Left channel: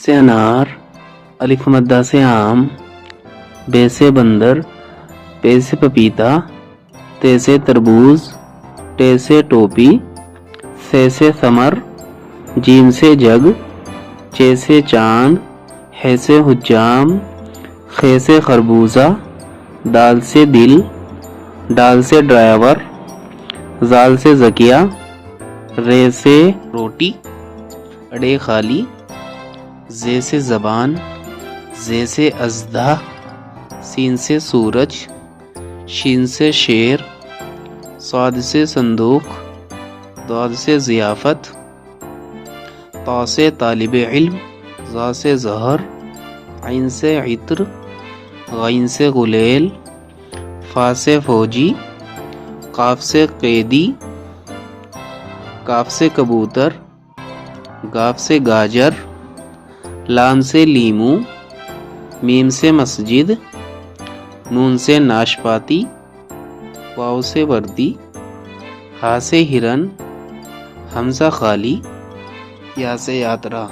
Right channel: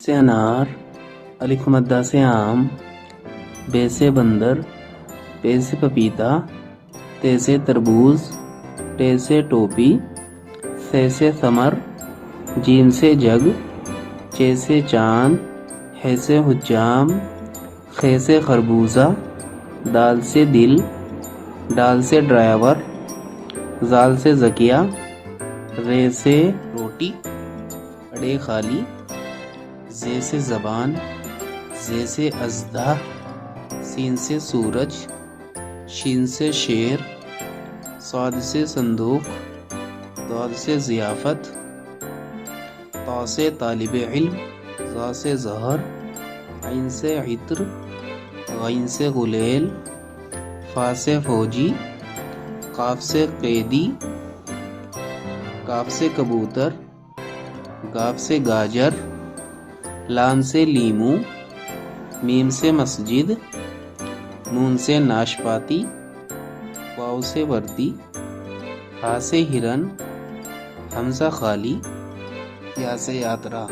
سے انار، الف مدہ سے آم، بے سے بندر، پے سے پپیتا، تے سے تربوز، ٹے سے ٹوپی، سے ثمر، جیم سے جگ، چے سے چاند، ہے سے حجام، خے سے خربوزہ، دال سے دل، ڈال سے ڈرائیور، زال سے زکیہ، رے سے روٹی، اڑے خالی، زے سے زبان، زے سے اژدھا، سین سے سورج، شین سے شیر، صاد سے صندوق، ضاد سے ضیافت، طا سے طالب علم، ظا سے ظہر، عین سے عطر، غین سے غلیل، فا سے فوجی، قاف سے قیدی، کاف سے کبوتر، گاف سے گاجر، لام سے لیمو، میم سے مسجد، نون سے ناشپاتی، واو سے وردی، ہا سے ہرن، حمزہ خالی، یا سے یاترا۔